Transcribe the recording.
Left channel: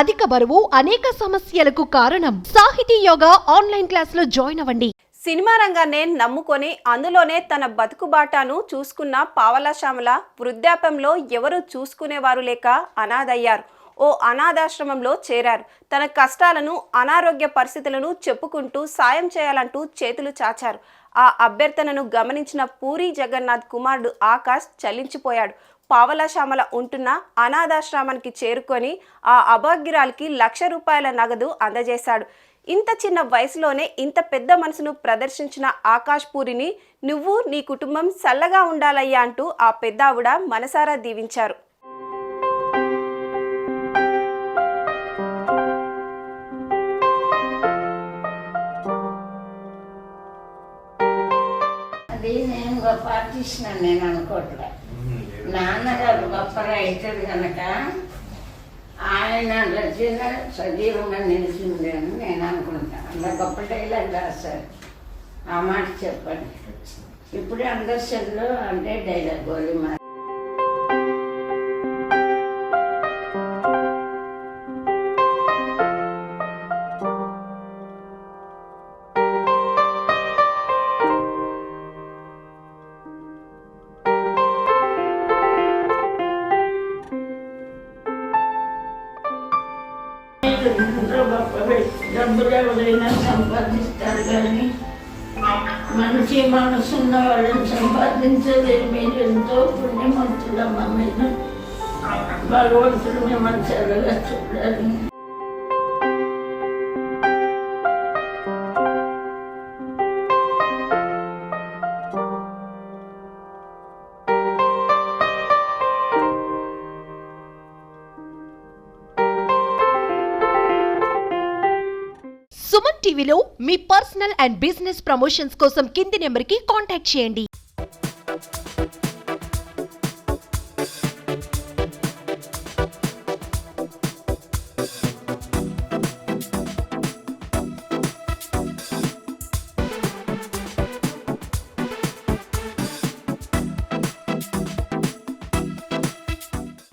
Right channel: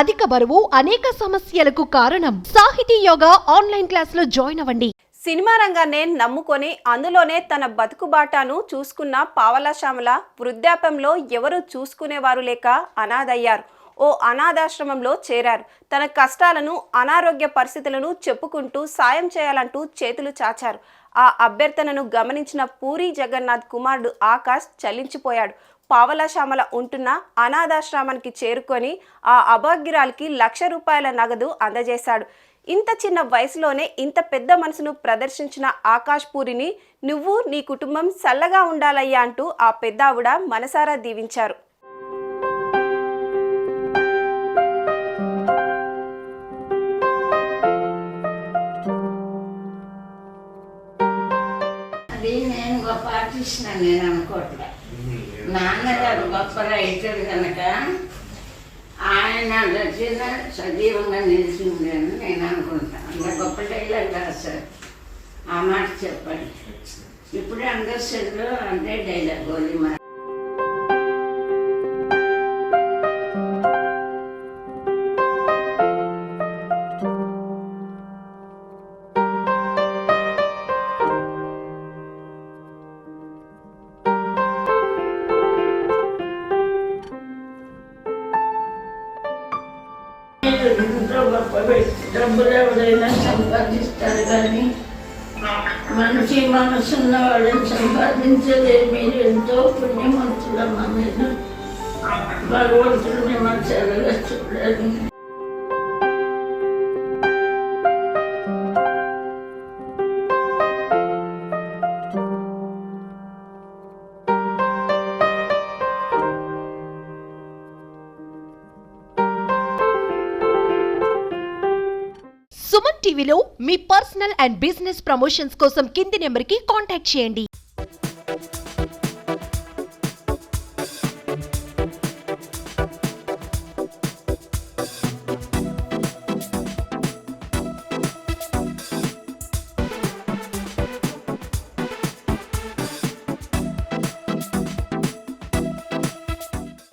అధిక బరువు అనేక సమస్యలకు కారణం. సాహితీ యోగా ఆన్లైన్ క్లాసులో జాయిన్ అవ్వండి. సినిమా రంగాన్నే నమ్ముకొని అందులోనే తన బతుకుబాటాను చూసుకున్న పావలా శ్యామల వృద్ధాప్యంలో ఎవరు చూసుకునేవారు లేక అనాథయ్యారు. ఓ అనాథాశ్రమంలో చేరారు. తన కష్టాలను, అనారోగ్య పరిస్థితులను చెప్పుకుంటూ సాయం చేయాలంటూ చేతులు చాచారు. ఆ అభ్యర్థనను గమనించిన పూరి జగన్నాథ్ కుమారుడు ఆకాష్ చలించిపోయాడు. పావలా శ్యామల ఉంటున్న అనాథాశ్రమానికి చేరుకొని ఆ అభాగ్యురాలికి ₹1,00,000 నగదు అందజేశాడు. ఇంత చిన్న వయసులోనే ఇంత పెద్ద మనసును ప్రదర్శించిన ఆకాష్ పూరిని నువ్వు నీ కుటుంబం చల్లగా ఉండాలయ్యా అంటూ ఆ పెద్దావిడ మనసారా దీవించారు. అది నేను గొప్ప ఆర్టిస్ట్ నేను అనుకోవట్లే. నాన్నగారు గొప్ప రైటర్ కనుక ఆయన రచన సజీవంగా నిలిచింది అని నేను అనుకుంటాను. అంత గొప్ప డైలాగ్ రాశారు. ఆ మాట చెప్పండి. ఇప్పుడే అందరిలో అంటే డైలాగ్ గోలీమా. ఎంతో గొప్ప డబ్బులు ఎవరైనా సంపాదిస్తారు కానీ మనిషి మనసున్న వాళ్ళని సంపాదించలేదు. మీరు ఎంతో పుణ్యవంతులమ్మా. మీరు భగవంతుడు మిమ్మల్ని చల్లగా చూడాలి. సుమన్ టీవీలో మీ పర్సనల్ అండ్ బిజినెస్ ప్రమోషన్స్ కోసం కింది నెంబర్కి కాంటాక్ట్ చేయండి.